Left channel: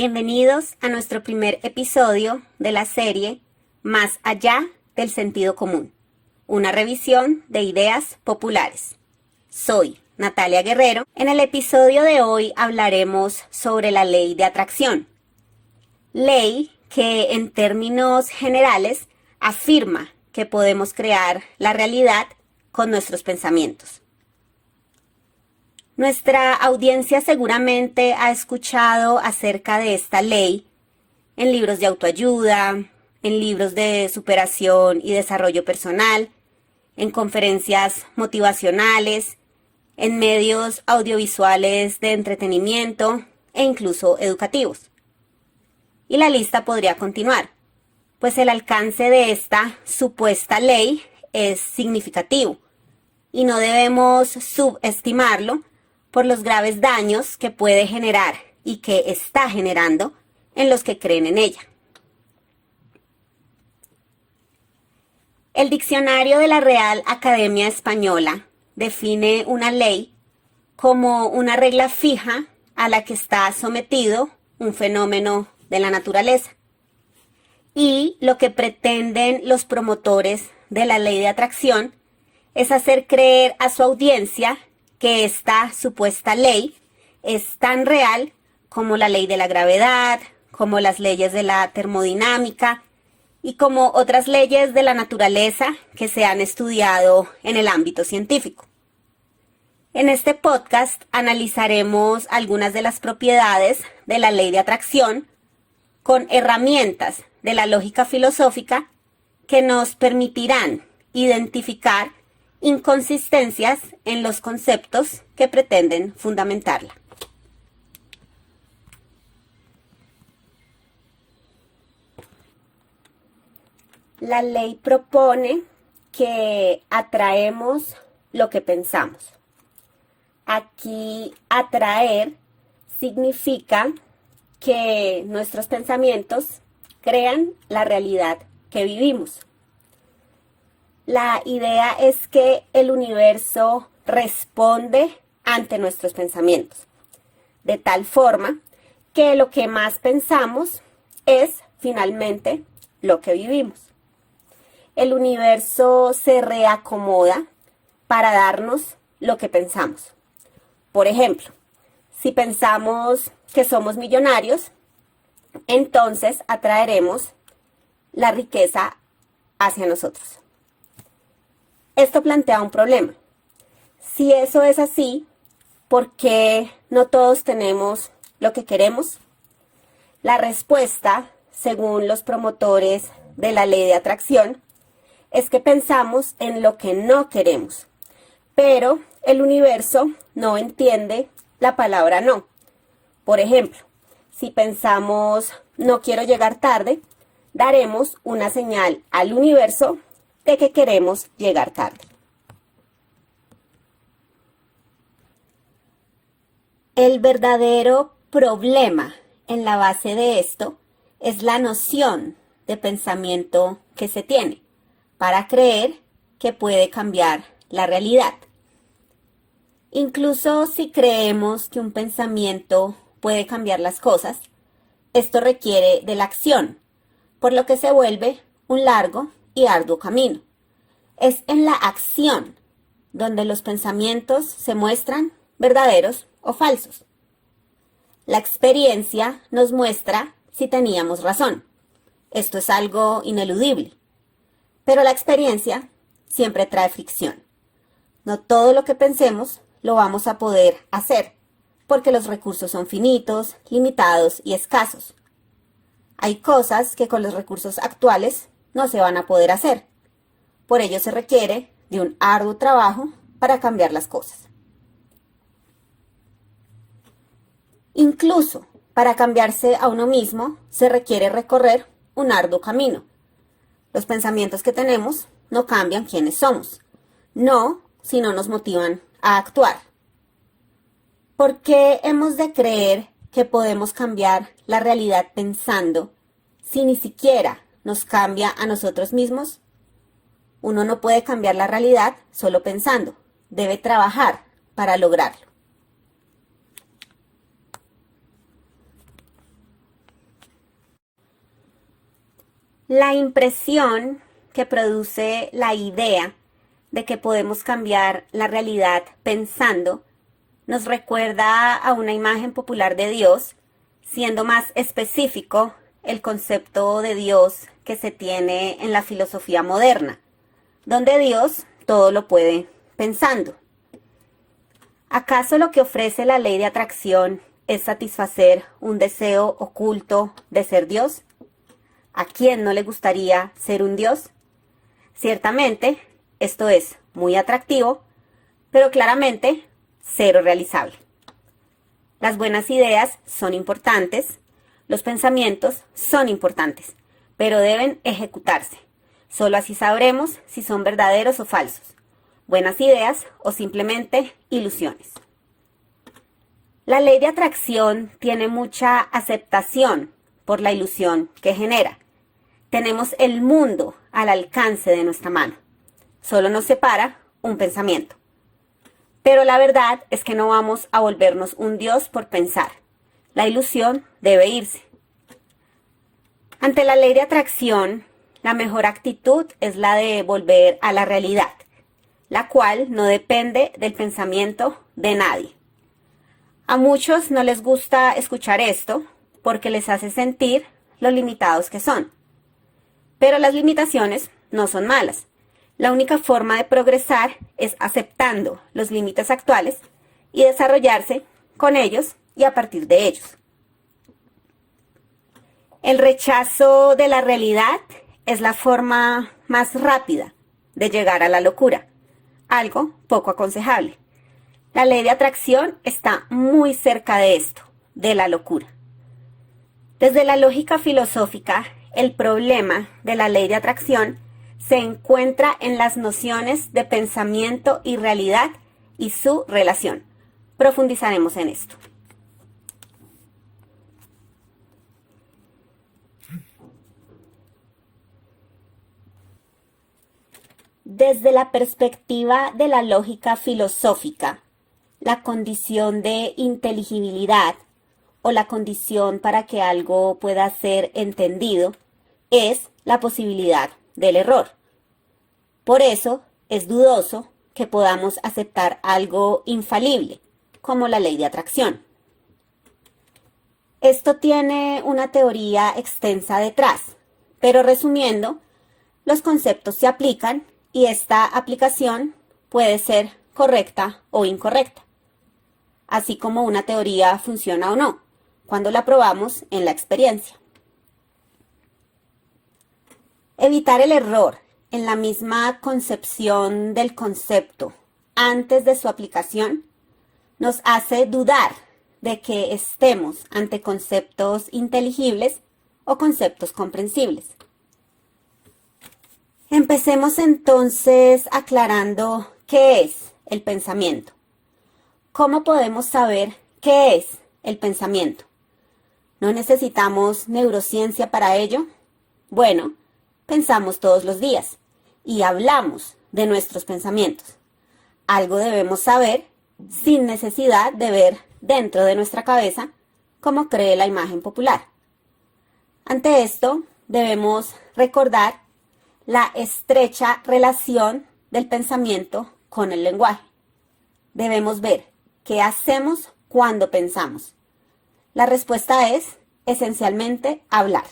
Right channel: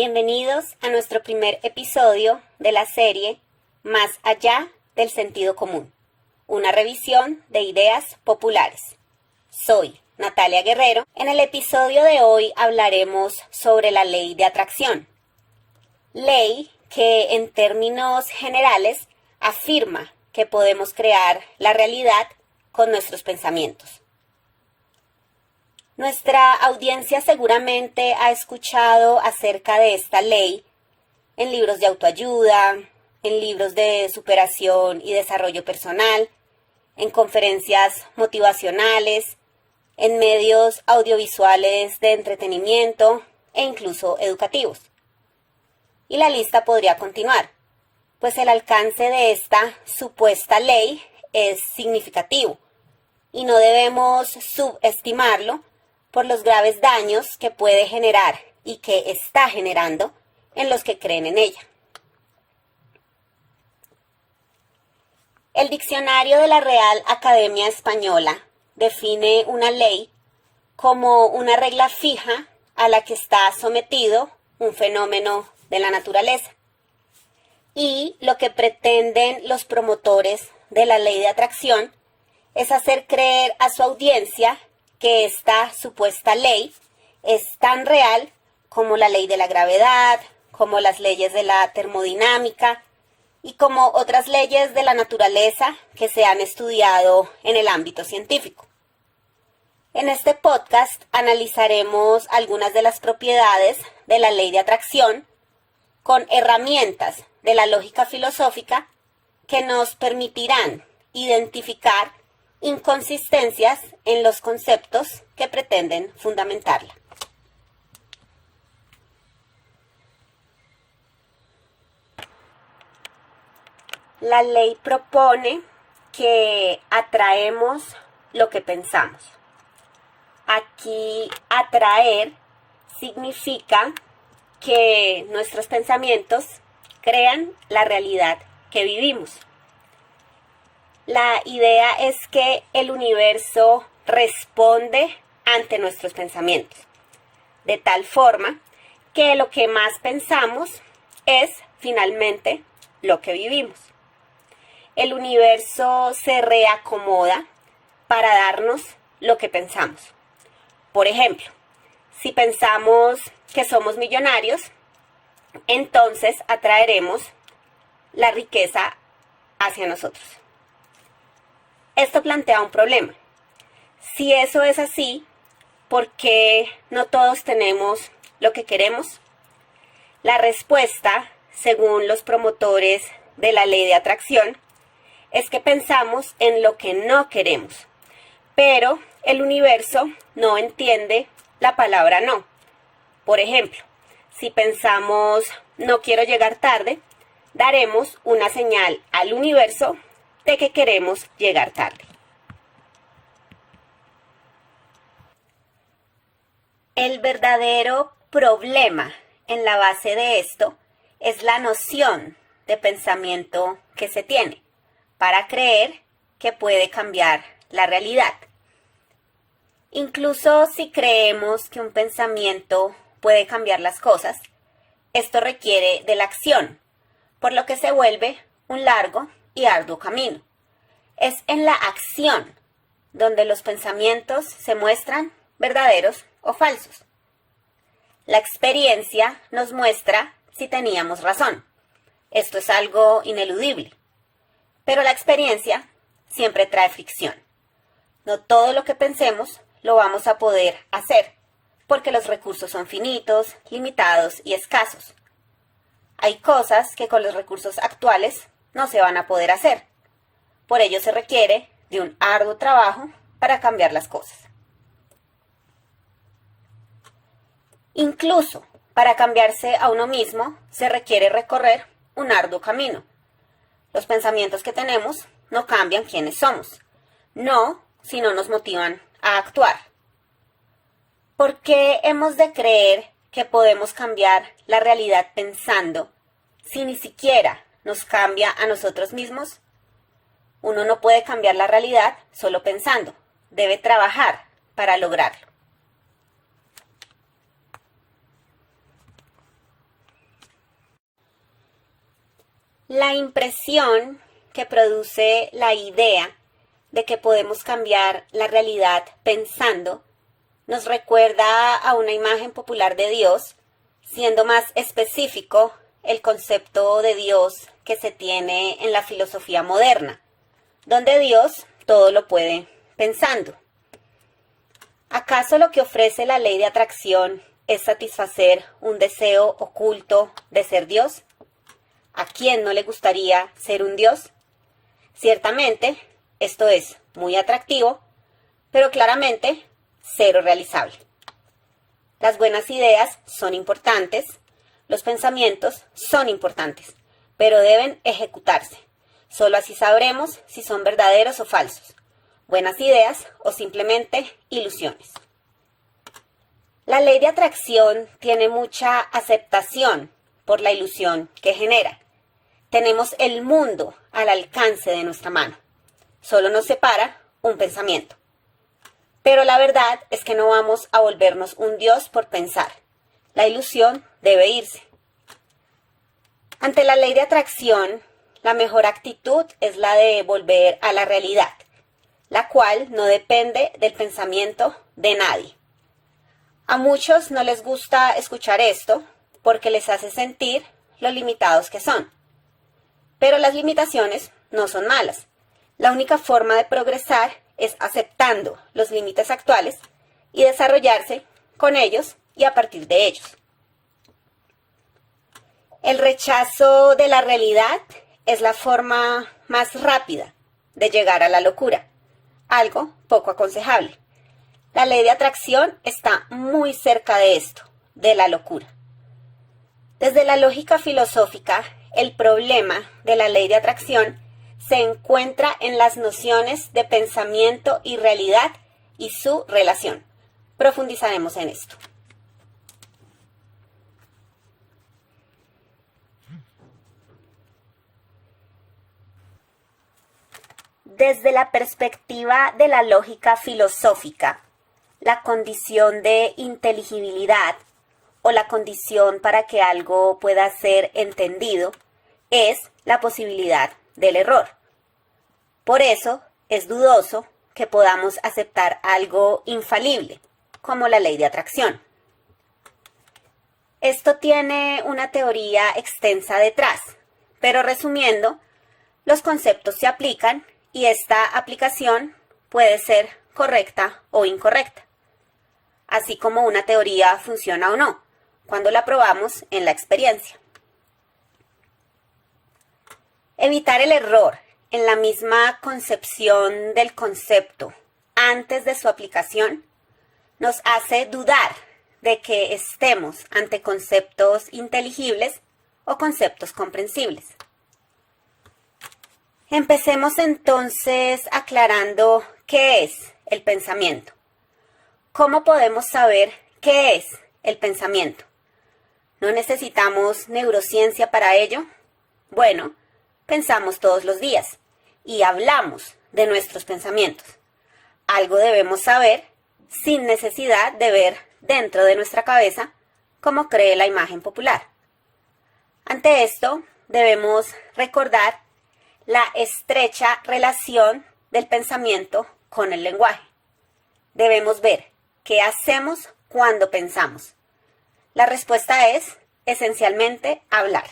Bienvenidos a nuestro primer episodio de la serie Más allá del sentido común, una revisión de ideas populares. Soy Natalia Guerrero. En el episodio de hoy hablaremos sobre la ley de atracción. Ley que en términos generales afirma que podemos crear la realidad con nuestros pensamientos. Nuestra audiencia seguramente ha escuchado acerca de esta ley en libros de autoayuda, en libros de superación y desarrollo personal, en conferencias motivacionales, en medios audiovisuales de entretenimiento e incluso educativos. Y la lista podría continuar, pues el alcance de esta supuesta ley es significativo y no debemos subestimarlo por los graves daños que puede generar y que está generando en los que creen en ella. El diccionario de la Real Academia Española define una ley como una regla fija a la que está sometido un fenómeno de la naturaleza. Y lo que pretenden los promotores de la ley de atracción es hacer creer a su audiencia que esta supuesta ley es tan real como la ley de la gravedad, como las leyes de la termodinámica y como otras leyes de la naturaleza que se han estudiado en el ámbito científico. En este podcast analizaremos algunas de las propiedades de la ley de atracción con herramientas de la lógica filosófica que nos permitirán identificar inconsistencias en los conceptos que pretenden fundamentarla. La ley propone que atraemos lo que pensamos. Aquí atraer significa que nuestros pensamientos crean la realidad que vivimos. La idea es que el universo responde ante nuestros pensamientos, de tal forma que lo que más pensamos es finalmente lo que vivimos. El universo se reacomoda para darnos lo que pensamos. Por ejemplo, si pensamos que somos millonarios, entonces atraeremos la riqueza hacia nosotros. Esto plantea un problema. Si eso es así, ¿por qué no todos tenemos lo que queremos? La respuesta, según los promotores de la ley de atracción, es que pensamos en lo que no queremos, pero el universo no entiende la palabra no. Por ejemplo, si pensamos no quiero llegar tarde, daremos una señal al universo de que queremos llegar tarde. El verdadero problema en la base de esto es la noción de pensamiento que se tiene para creer que puede cambiar la realidad. Incluso si creemos que un pensamiento puede cambiar las cosas, esto requiere de la acción, por lo que se vuelve un largo y arduo camino. Es en la acción donde los pensamientos se muestran verdaderos o falsos. La experiencia nos muestra si teníamos razón. Esto es algo ineludible. Pero la experiencia siempre trae fricción. No todo lo que pensemos lo vamos a poder hacer, porque los recursos son finitos, limitados y escasos. Hay cosas que con los recursos actuales no se van a poder hacer. Por ello se requiere de un arduo trabajo para cambiar las cosas. Incluso para cambiarse a uno mismo se requiere recorrer un arduo camino. Los pensamientos que tenemos no cambian quiénes somos, no si no nos motivan a actuar. ¿Por qué hemos de creer que podemos cambiar la realidad pensando si ni siquiera nos cambia a nosotros mismos? Uno no puede cambiar la realidad solo pensando, debe trabajar para lograrlo. La impresión que produce la idea de que podemos cambiar la realidad pensando nos recuerda a una imagen popular de Dios, siendo más específico el concepto de Dios que se tiene en la filosofía moderna, donde Dios todo lo puede pensando. ¿Acaso lo que ofrece la ley de atracción es satisfacer un deseo oculto de ser Dios? ¿A quién no le gustaría ser un Dios? Ciertamente, esto es muy atractivo, pero claramente cero realizable. Las buenas ideas son importantes, los pensamientos son importantes, pero deben ejecutarse. Solo así sabremos si son verdaderos o falsos, buenas ideas o simplemente ilusiones. La ley de atracción tiene mucha aceptación por la ilusión que genera. Tenemos el mundo al alcance de nuestra mano. Solo nos separa un pensamiento. Pero la verdad es que no vamos a volvernos un Dios por pensar. La ilusión debe irse. Ante la ley de atracción, la mejor actitud es la de volver a la realidad, la cual no depende del pensamiento de nadie. A muchos no les gusta escuchar esto porque les hace sentir lo limitados que son. Pero las limitaciones no son malas. La única forma de progresar es aceptando los límites actuales y desarrollarse con ellos y a partir de ellos. El rechazo de la realidad es la forma más rápida de llegar a la locura, algo poco aconsejable. La ley de atracción está muy cerca de esto, de la locura. Desde la lógica filosófica, el problema de la ley de atracción se encuentra en las nociones de pensamiento y realidad y su relación. Profundizaremos en esto. Desde la perspectiva de la lógica filosófica, la condición de inteligibilidad o la condición para que algo pueda ser entendido es la posibilidad del error. Por eso es dudoso que podamos aceptar algo infalible, como la ley de atracción. Esto tiene una teoría extensa detrás, pero resumiendo, los conceptos se aplican y esta aplicación puede ser correcta o incorrecta, así como una teoría funciona o no, cuando la probamos en la experiencia. Evitar el error en la misma concepción del concepto antes de su aplicación nos hace dudar de que estemos ante conceptos inteligibles o conceptos comprensibles. Empecemos entonces aclarando qué es el pensamiento. ¿Cómo podemos saber qué es el pensamiento? ¿No necesitamos neurociencia para ello? Bueno, pensamos todos los días y hablamos de nuestros pensamientos. Algo debemos saber sin necesidad de ver dentro de nuestra cabeza como cree la imagen popular. Ante esto, debemos recordar la estrecha relación del pensamiento con el lenguaje. Debemos ver qué hacemos cuando pensamos. La respuesta es, esencialmente, hablar.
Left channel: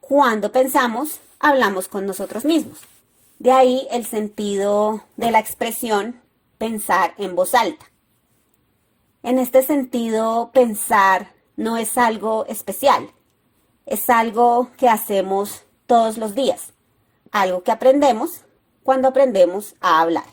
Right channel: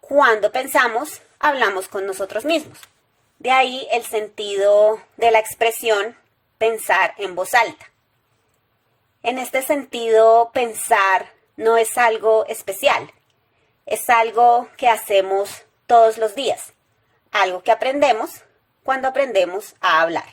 Cuando pensamos, hablamos con nosotros mismos. De ahí el sentido de la expresión pensar en voz alta. En este sentido, pensar no es algo especial. Es algo que hacemos todos los días. Algo que aprendemos cuando aprendemos a hablar.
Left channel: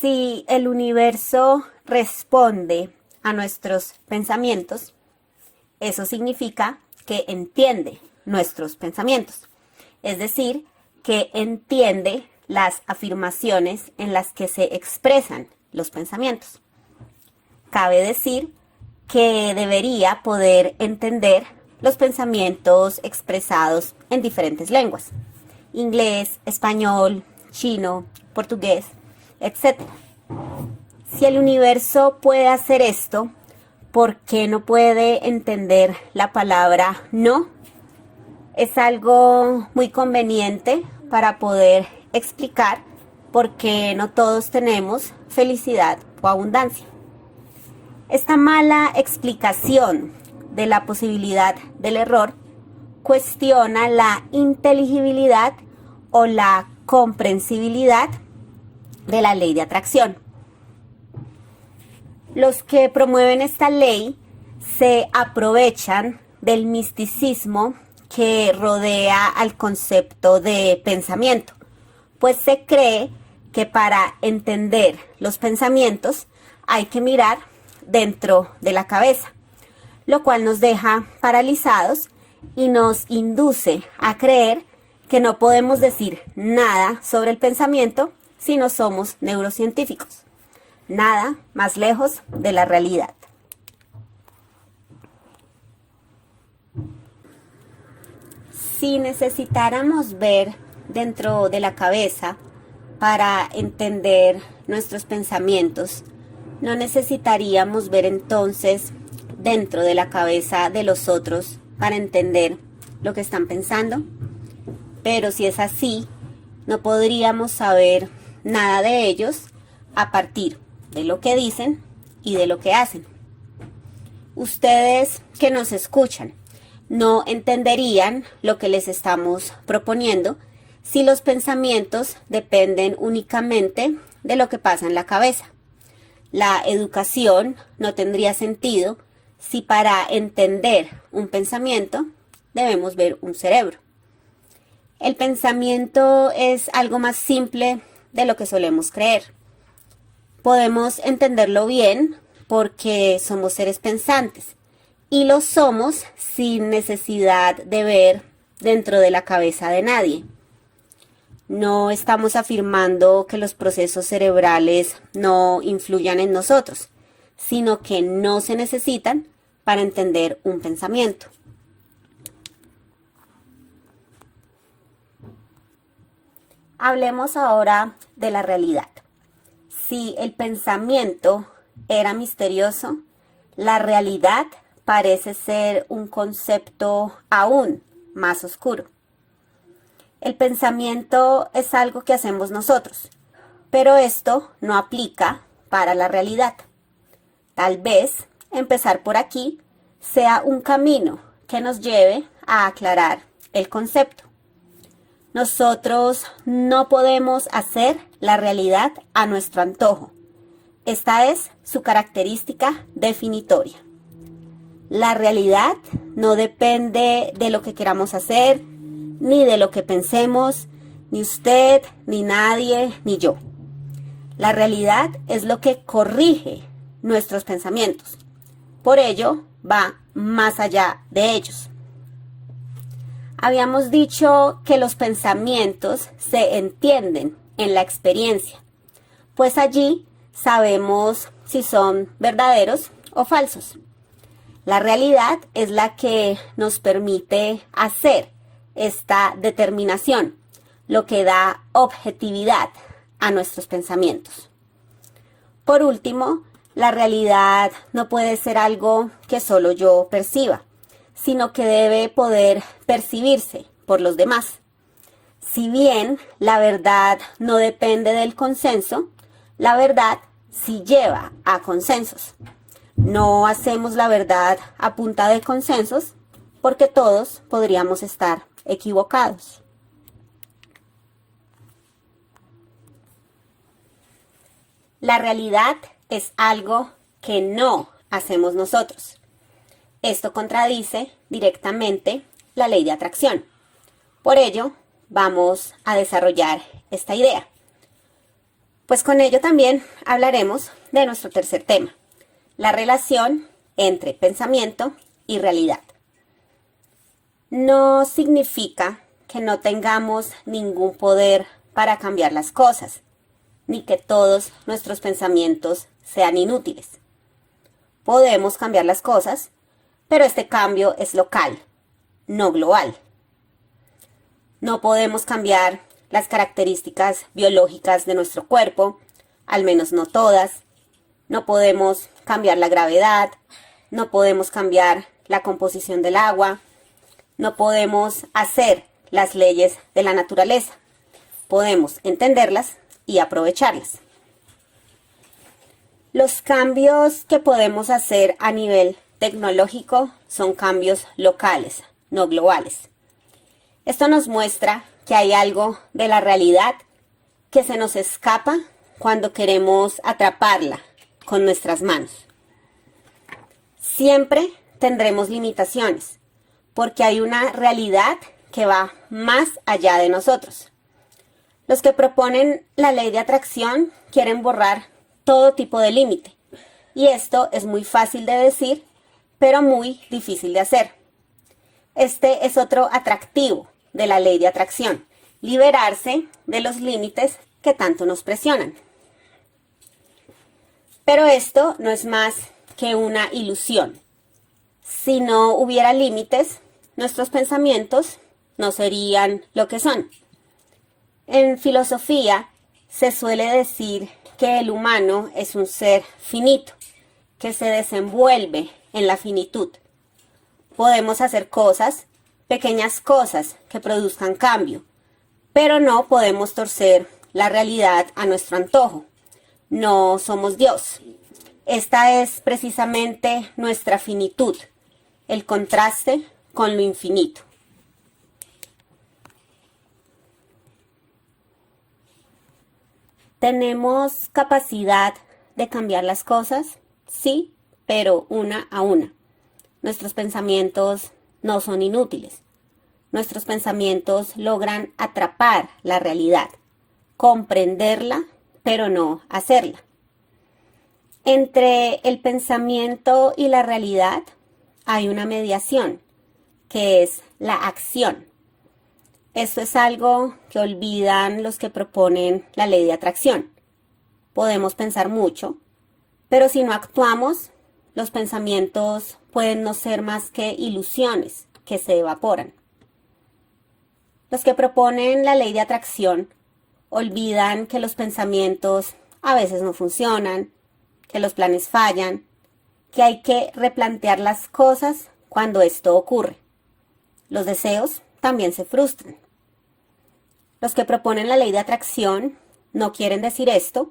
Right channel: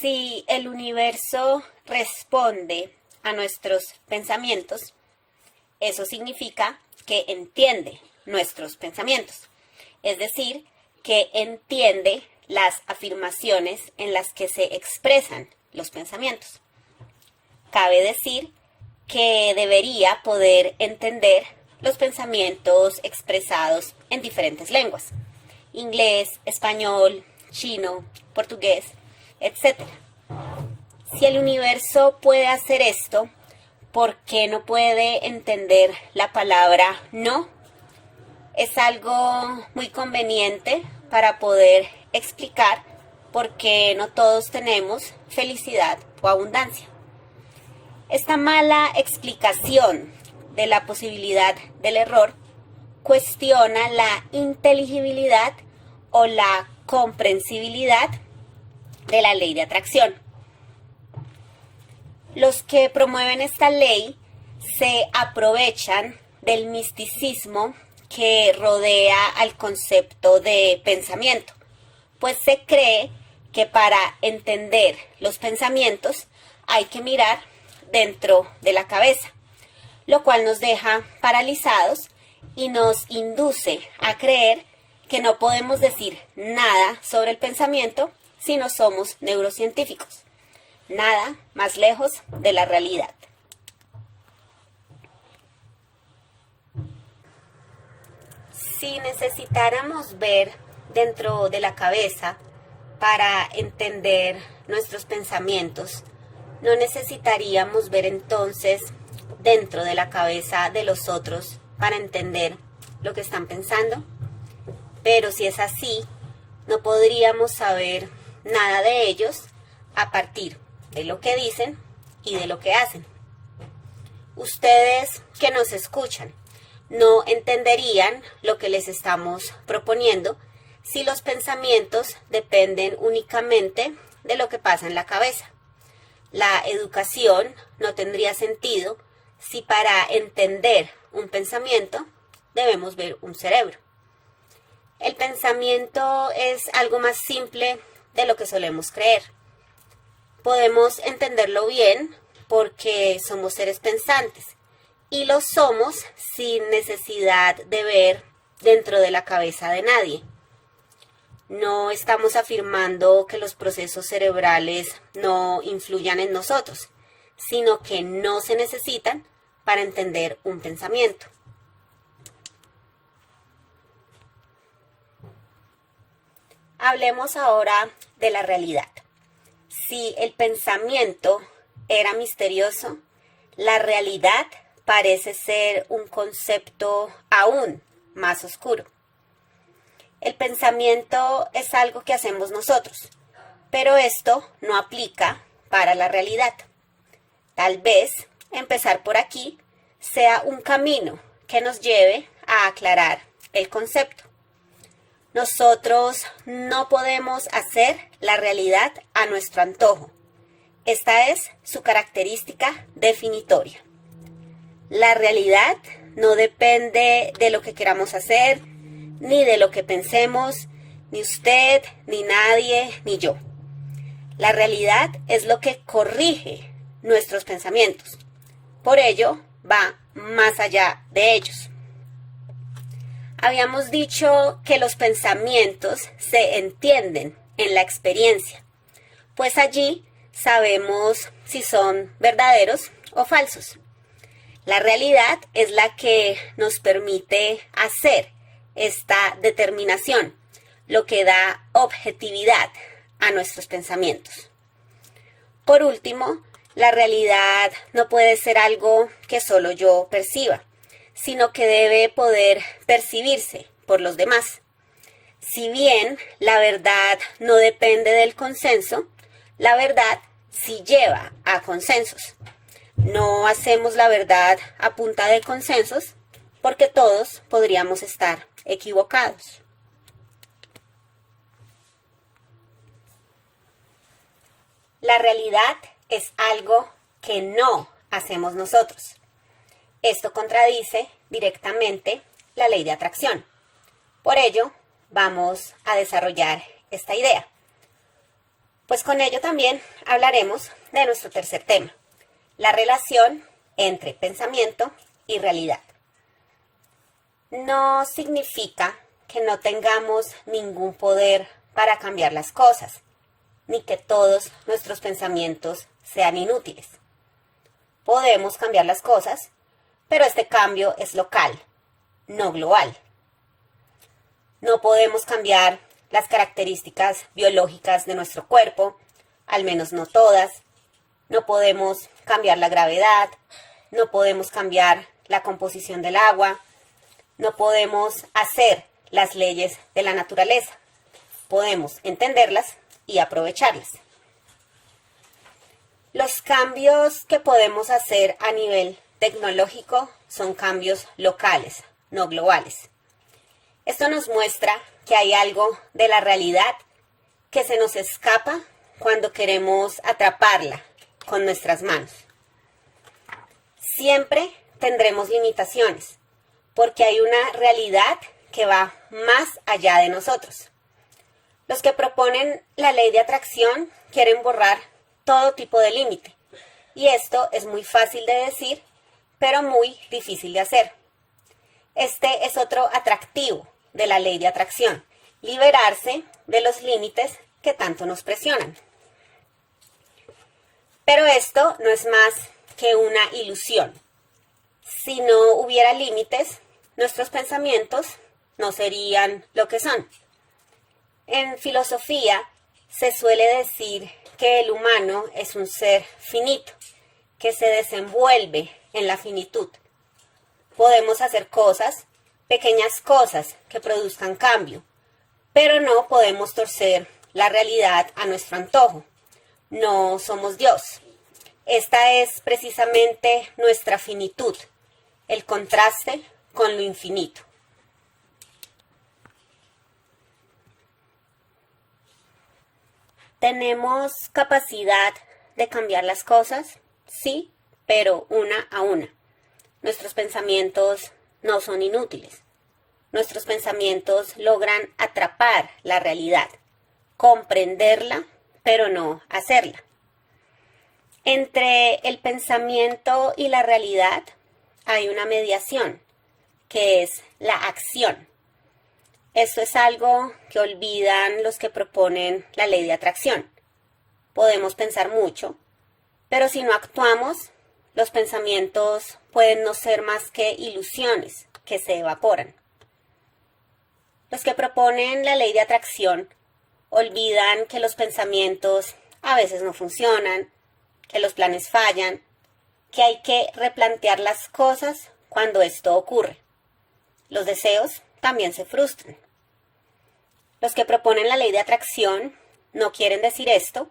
Si el universo responde a nuestros pensamientos, eso significa que entiende nuestros pensamientos. Es decir, que entiende las afirmaciones en las que se expresan los pensamientos. Cabe decir que debería poder entender los pensamientos expresados en diferentes lenguas: inglés, español, chino, portugués, etc. Si el universo puede hacer esto, ¿por qué no puede entender la palabra no? Es algo muy conveniente para poder explicar por qué no todos tenemos felicidad o abundancia. Esta mala explicación de la posibilidad del error cuestiona la inteligibilidad o la comprensibilidad de la ley de atracción. Los que promueven esta ley se aprovechan del misticismo que rodea al concepto de pensamiento, pues se cree que para entender los pensamientos hay que mirar dentro de la cabeza, lo cual nos deja paralizados y nos induce a creer que no podemos decir nada sobre el pensamiento si no somos neurocientíficos. Nada más lejos de la realidad. Si necesitáramos ver dentro de la cabeza para entender nuestros pensamientos, no necesitaríamos ver entonces dentro de la cabeza de los otros para entender lo que están pensando. Pero si es así, no podríamos saber nada de ellos a partir de lo que dicen y de lo que hacen. Ustedes que nos escuchan no entenderían lo que les estamos proponiendo si los pensamientos dependen únicamente de lo que pasa en la cabeza. La educación no tendría sentido si para entender un pensamiento debemos ver un cerebro. El pensamiento es algo más simple de lo que solemos creer. Podemos entenderlo bien porque somos seres pensantes y lo somos sin necesidad de ver dentro de la cabeza de nadie. No estamos afirmando que los procesos cerebrales no influyan en nosotros, sino que no se necesitan para entender un pensamiento. Hablemos ahora de la realidad. Si el pensamiento era misterioso, la realidad parece ser un concepto aún más oscuro. El pensamiento es algo que hacemos nosotros, pero esto no aplica para la realidad. Tal vez empezar por aquí sea un camino que nos lleve a aclarar el concepto. Nosotros no podemos hacer la realidad a nuestro antojo. Esta es su característica definitoria. La realidad no depende de lo que queramos hacer, ni de lo que pensemos, ni usted, ni nadie, ni yo. La realidad es lo que corrige nuestros pensamientos. Por ello, va más allá de ellos. Habíamos dicho que los pensamientos se entienden en la experiencia, pues allí sabemos si son verdaderos o falsos. La realidad es la que nos permite hacer esta determinación, lo que da objetividad a nuestros pensamientos. Por último, la realidad no puede ser algo que solo yo perciba, sino que debe poder percibirse por los demás. Si bien la verdad no depende del consenso, la verdad sí lleva a consensos. No hacemos la verdad a punta de consensos porque todos podríamos estar equivocados. La realidad es algo que no hacemos nosotros. Esto contradice directamente la ley de atracción. Por ello, vamos a desarrollar esta idea. Pues con ello también hablaremos de nuestro tercer tema, la relación entre pensamiento y realidad. No significa que no tengamos ningún poder para cambiar las cosas, ni que todos nuestros pensamientos sean inútiles. Podemos cambiar las cosas, pero este cambio es local, no global. No podemos cambiar las características biológicas de nuestro cuerpo, al menos no todas, No podemos cambiar la gravedad, no podemos cambiar la composición del agua, no podemos hacer las leyes de la naturaleza. Podemos entenderlas y aprovecharlas. Los cambios que podemos hacer a nivel tecnológico son cambios locales, no globales. Esto nos muestra que hay algo de la realidad que se nos escapa cuando queremos atraparla con nuestras manos. Siempre tendremos limitaciones, porque hay una realidad que va más allá de nosotros. Los que proponen la ley de atracción quieren borrar todo tipo de límite, y esto es muy fácil de decir, pero muy difícil de hacer. Este es otro atractivo de la ley de atracción, liberarse de los límites que tanto nos presionan. Pero esto no es más que una ilusión. Si no hubiera límites, nuestros pensamientos no serían lo que son. En filosofía se suele decir que el humano es un ser finito, que se desenvuelve en la finitud. Podemos hacer cosas, pequeñas cosas que produzcan cambio, pero no podemos torcer la realidad a nuestro antojo. No somos Dios. Esta es precisamente nuestra finitud, el contraste con lo infinito. ¿Tenemos capacidad de cambiar las cosas? Sí, pero una a una. Nuestros pensamientos no son inútiles. Nuestros pensamientos logran atrapar la realidad, comprenderla, pero no hacerla. Entre el pensamiento y la realidad hay una mediación, que es la acción. Esto es algo que olvidan los que proponen la ley de atracción. Podemos pensar mucho, pero si no actuamos, los pensamientos pueden no ser más que ilusiones que se evaporan. Los que proponen la ley de atracción olvidan que los pensamientos a veces no funcionan, que los planes fallan, que hay que replantear las cosas cuando esto ocurre. Los deseos también se frustran. Los que proponen la ley de atracción no quieren decir esto,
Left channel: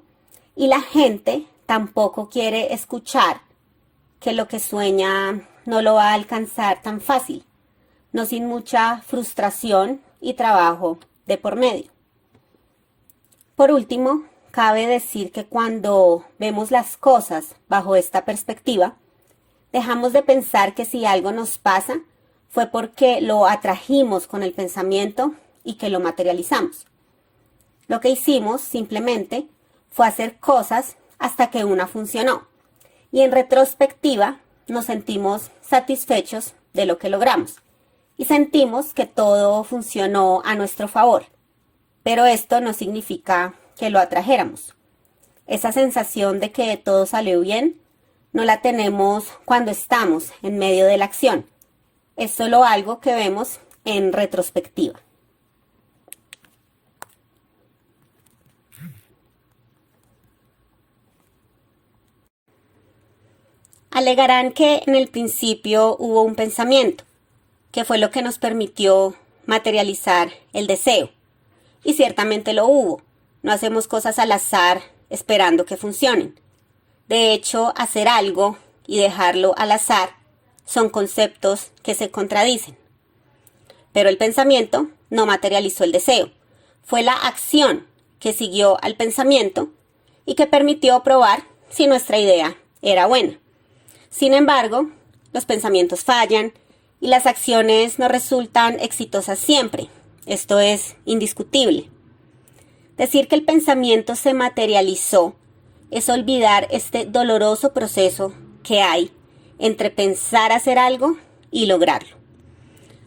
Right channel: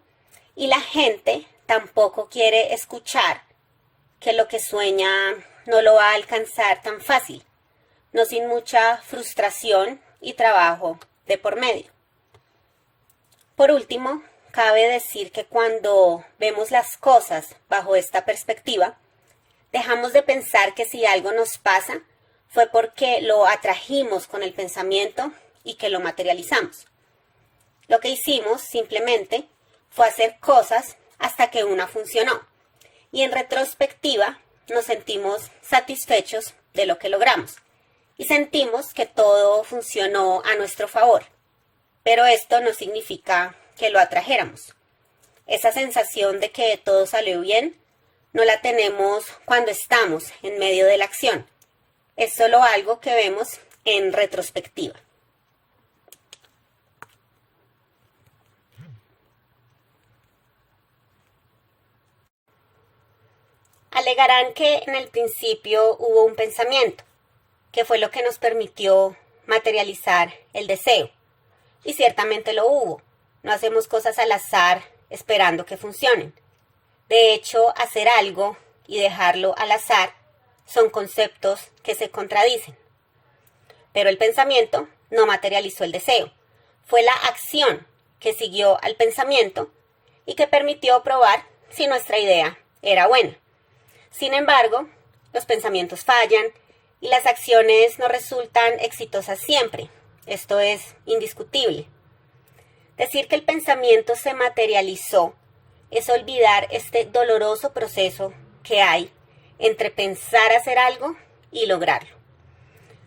y la gente tampoco quiere escuchar que lo que sueña no lo va a alcanzar tan fácil, no sin mucha frustración y trabajo de por medio. Por último, cabe decir que cuando vemos las cosas bajo esta perspectiva, dejamos de pensar que si algo nos pasa fue porque lo atrajimos con el pensamiento y que lo materializamos. Lo que hicimos simplemente fue hacer cosas hasta que una funcionó, y en retrospectiva nos sentimos satisfechos de lo que logramos y sentimos que todo funcionó a nuestro favor. Pero esto no significa que lo atrajéramos. Esa sensación de que todo salió bien no la tenemos cuando estamos en medio de la acción. Es solo algo que vemos en retrospectiva. Alegarán que en el principio hubo un pensamiento, que fue lo que nos permitió materializar el deseo. Y ciertamente lo hubo. No hacemos cosas al azar esperando que funcionen. De hecho, hacer algo y dejarlo al azar son conceptos que se contradicen. Pero el pensamiento no materializó el deseo. Fue la acción que siguió al pensamiento y que permitió probar si nuestra idea era buena. Sin embargo, los pensamientos fallan y las acciones no resultan exitosas siempre. Esto es indiscutible. Decir que el pensamiento se materializó es olvidar este doloroso proceso que hay entre pensar hacer algo y lograrlo.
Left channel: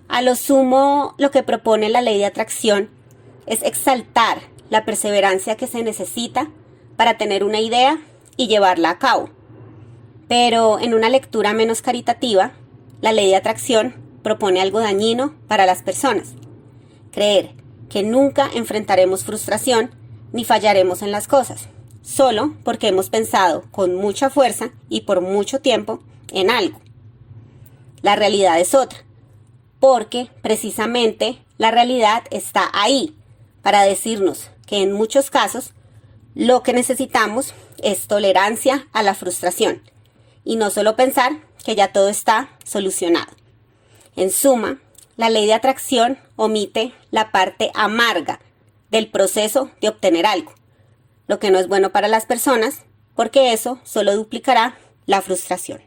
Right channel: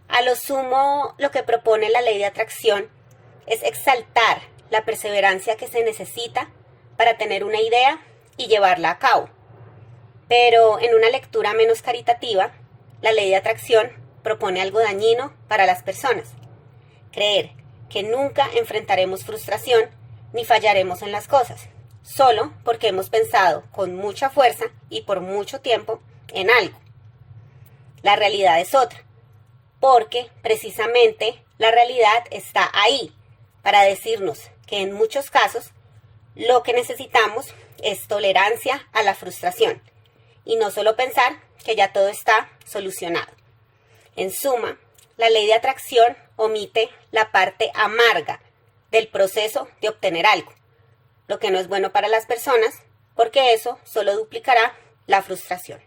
A lo sumo, lo que propone la ley de atracción es exaltar la perseverancia que se necesita para tener una idea y llevarla a cabo. Pero en una lectura menos caritativa, la ley de atracción propone algo dañino para las personas. Creer que nunca enfrentaremos frustración ni fallaremos en las cosas. solo porque hemos pensado con mucha fuerza y por mucho tiempo en algo. La realidad es otra, porque precisamente la realidad está ahí para decirnos que en muchos casos lo que necesitamos es tolerancia a la frustración y no solo pensar que ya todo está solucionado. En suma, la ley de atracción omite la parte amarga del proceso de obtener algo, lo que no es bueno para las personas porque eso solo duplicará la frustración.